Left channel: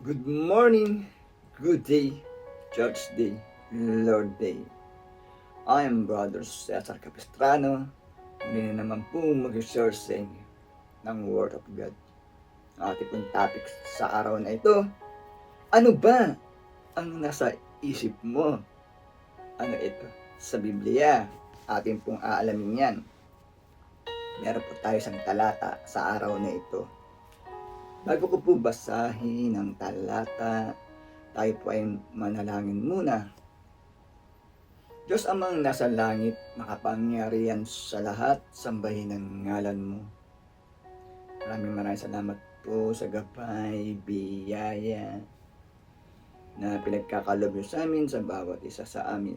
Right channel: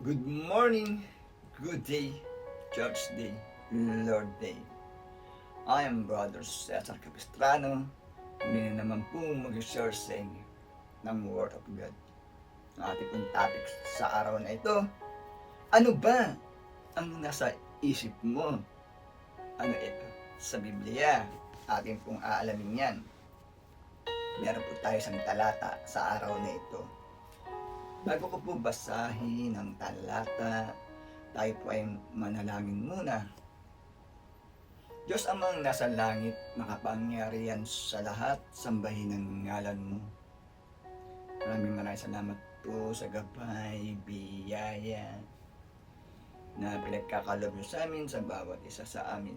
Good morning, good day, Church Day, Lord Day. I am Brother Cesar Capistrano. Muli na naman po mag-share sa inyo ng Word of God. Ang ating pong topic sa araw na ito, ano ba ang nasa isip mo? Ano ito? Sa Biblia, atin pong aalamin yan. Meron po tayo isang talata sa araw na ito. Bago ko po basahin ang talata, tayo po ay manalangin muna. Diyos amang nasa langit, makapangyarihan sa lahat, sambahin ang ngalan mo. Maraming salamat po sa gabay, biyaya na pinagkakalob niyo sa amin sa bawat isa sa amin.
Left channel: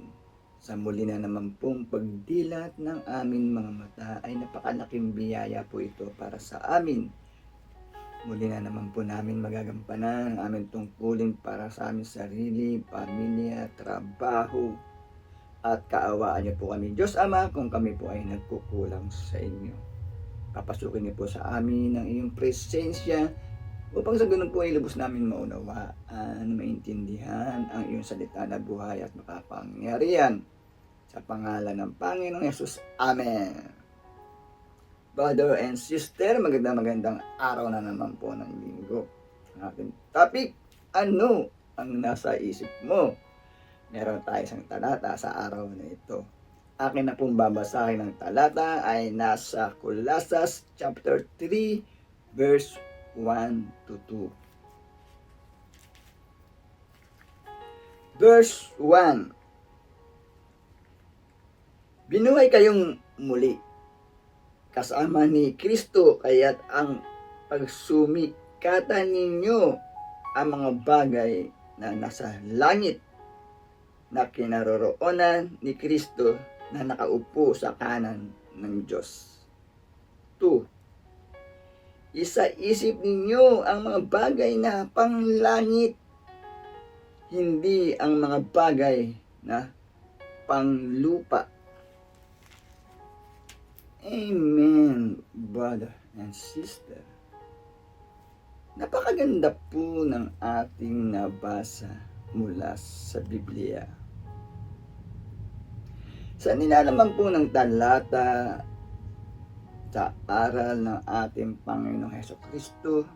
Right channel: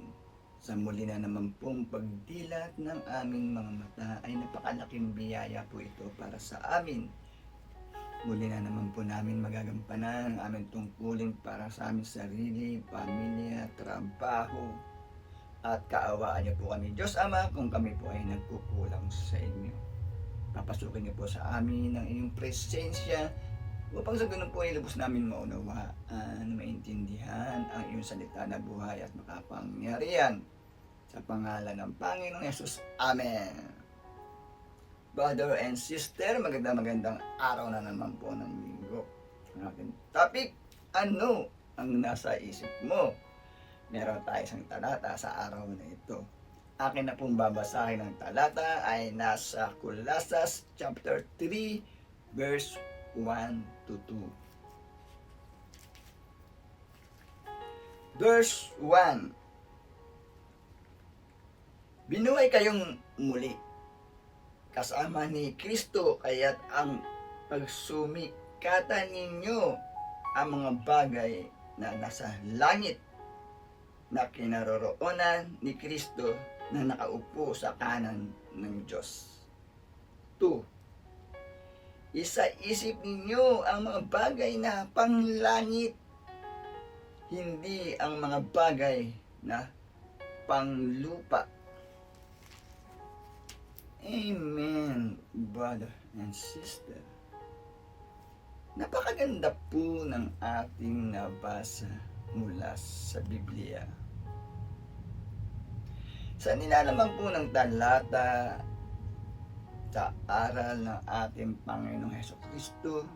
Sa muli na naman pong pagdilat ng aming mga mata ay napakalaking biyaya po ito para sa amin. Muli na naman po namin magagampanan ang aming tungkulin para sa aming sarili, pamilya, trabaho, at kaawaan niyo po kami. Diyos Ama, kung kami po ay nagkukulang sa inyo, papasukin niyo po sa amin ang iyong presensya upang sa ganun po ay lubos namin maunawaan, maintindihan ang iyong salita na buhay at makapangyarihan. Sa pangalan ng Panginoong Yesus. Amen. Brother and sister, magandang araw na naman po ng linggo. Ang ating topic, ano ang nasa isip mo? Meron tayo isang talata sa araw na ito. Akin na pong babasahin ng talata ay nasa Colossus chapter 3 verse 1 to 2. Verse 1. Binuhay kayong muli kasama ni Kristo, kaya't ang pagsumikatan ninyo ang mga bagay na nasa langit na kinaroroonan ni Kristo na nakaupo sa kanan ng Diyos. 2. Isa-isip ninyo ang mga bagay na panglangit, hindi ang mga bagay na panglupa. Amen, brother and sister. Napakaganda po ng ating nabasa mula sa Biblia. Sa nilalaman po ng talata sa aral ng ating Panginoong Hesukristo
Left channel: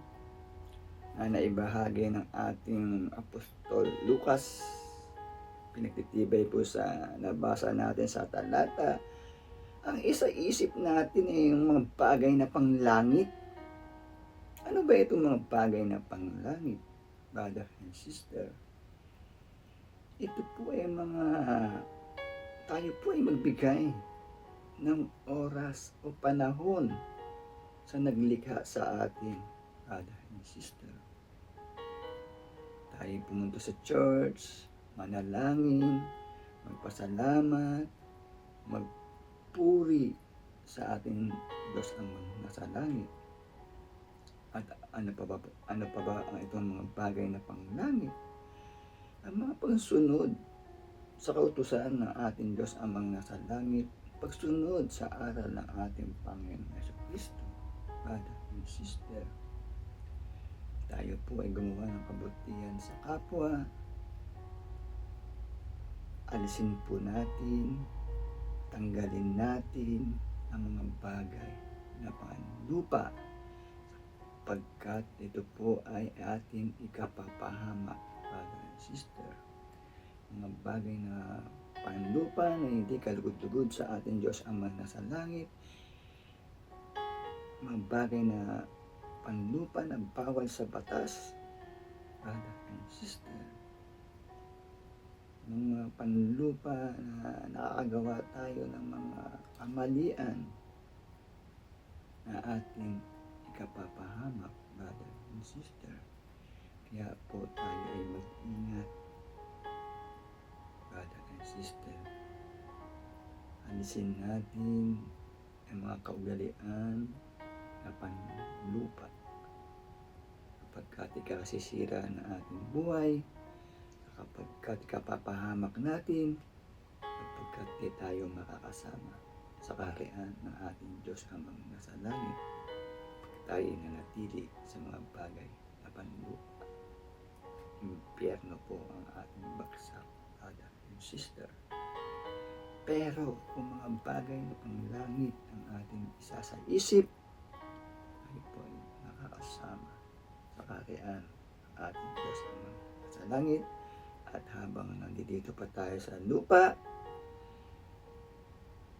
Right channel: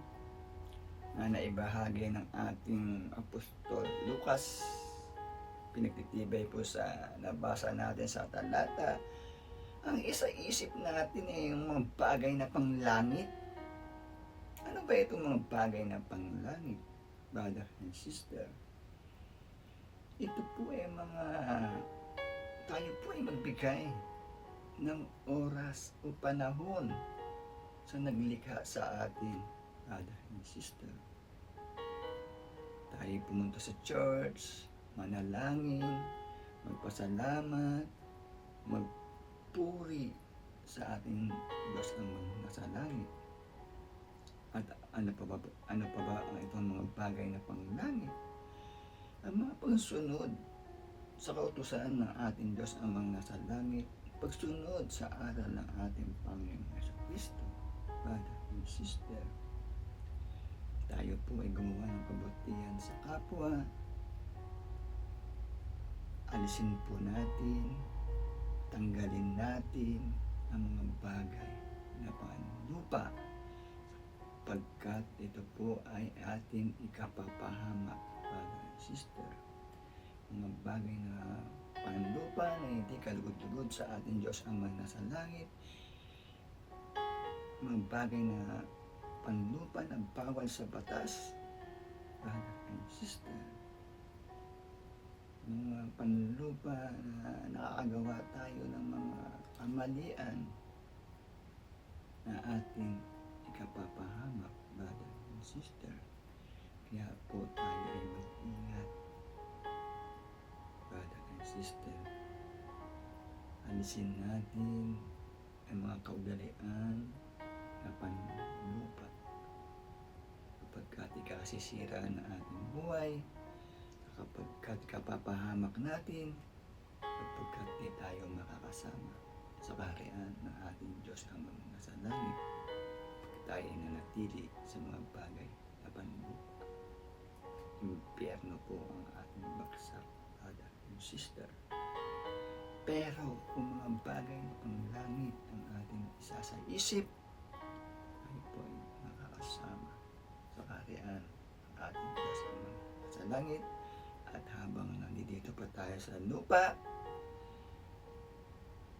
na naibahagi ng ating Apostol Lucas, pinagtitibay po sa nabasa natin sa talata, ang isa-isip natin ay yung mga bagay na panglangit. Ano ba itong mga bagay na panglangit, brother and sister? Ito po ay tayo po ay magbigay ng oras o panahon sa naglikha sa atin, brother and sister. Tayo pumunta sa church, manalangin, magpasalamat, magpuri sa ating Diyos amang nasa langit. At ano pa ba ang itong mga bagay na panglangit? Ang mga pagsunod sa kautusan ng ating Diyos amang nasa langit, pagsunod sa aral ng ating Panginoong Jesucristo, brother and sister. Tayo po ay gumawa ng kabutihan sa kapwa. Alisin po natin, tanggalin natin ang mga bagay na panlupa, pagkat ito po ay ating ikapapahamak, brother and sister. Mga bagay na panlupa na hindi kalugod-lugod sa ating Diyos Ama nasa langit, mga bagay na panlupa na bawal sa batas, brother and sister. Mga panlupa na nakakagawa tayo ng mga kamalian na ating ikapapahamak, brother and sister. Kaya po tayo ay mag-ingat, brother and sister. Alisin natin ang mga kaugalian na panlupa, kapagkat ikasisira ng ating buhay, kapagkat ikapapahamak natin, kapagkat di tayo makakasama sa kaharian ng ating Diyos amang nasa langit, tayo nanatili sa mga bagay na panlupa. impyerno po ang ating baksak, brother and sister. Pero kung mga bagay na panglangit ang ating isasaisip, tayo po ay nakakasama sa kaharian ng ating Diyos Ama sa langit. At habang nandito pa tayo sa lupa,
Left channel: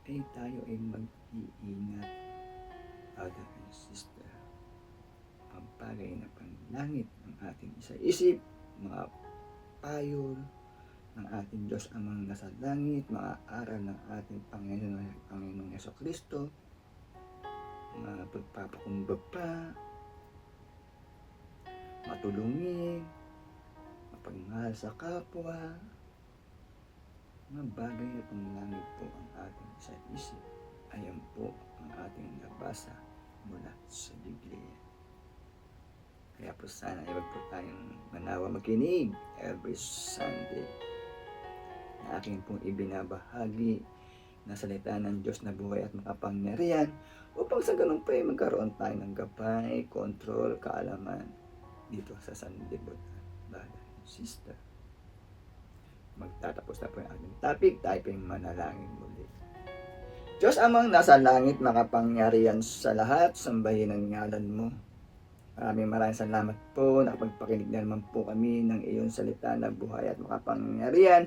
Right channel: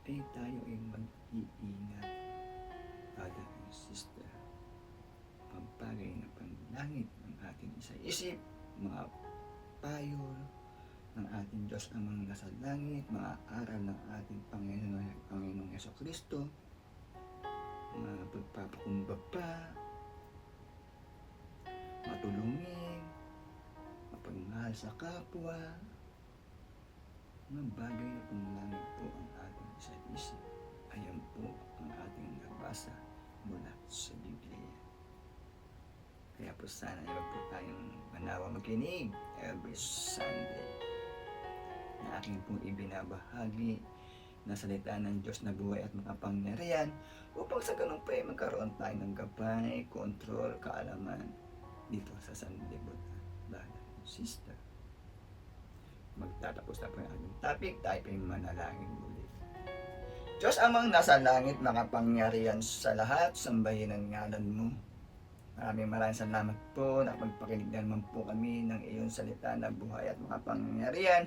ay tayo ay mag-iingat, brother and sister. Ang bagay na panlangit ng ating isaisip, mga payo ng ating Diyos Amang nasa langit, mga aral ng ating Panginoong Jesucristo, mga pagpapakumbaba, matulungin, mapagmahal sa kapwa, mga bagay na panlangit po ang ating isaisip. Ayan po ang ating nabasa mula sa Biblia. Kaya po sana ay huwag po tayong manawa makinig every Sunday na aking pong ibinabahagi na salita ng Diyos na buhay at makapangyarihan upang sa ganun pa ay magkaroon tayo ng gabay, kontrol, kaalaman dito sa sanlibutan. Brother and sister, magtatapos na po yung ating topic, tayo po yung manalangin muli. Diyos Amang nasa langit, makapangyarihan sa lahat, sambahin ang ngalan mo. Maraming salamat po, nakapagpakinig na naman po kami ng iyong salita na buhay at makapangyarihan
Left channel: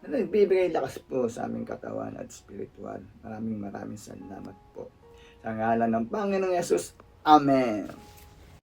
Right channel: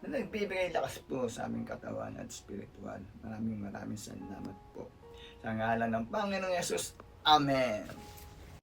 na nagbibigay lakas po sa aming katawan at spiritual. Maraming salamat po. Sa ngalan ng Panginoong Yesus, Amen.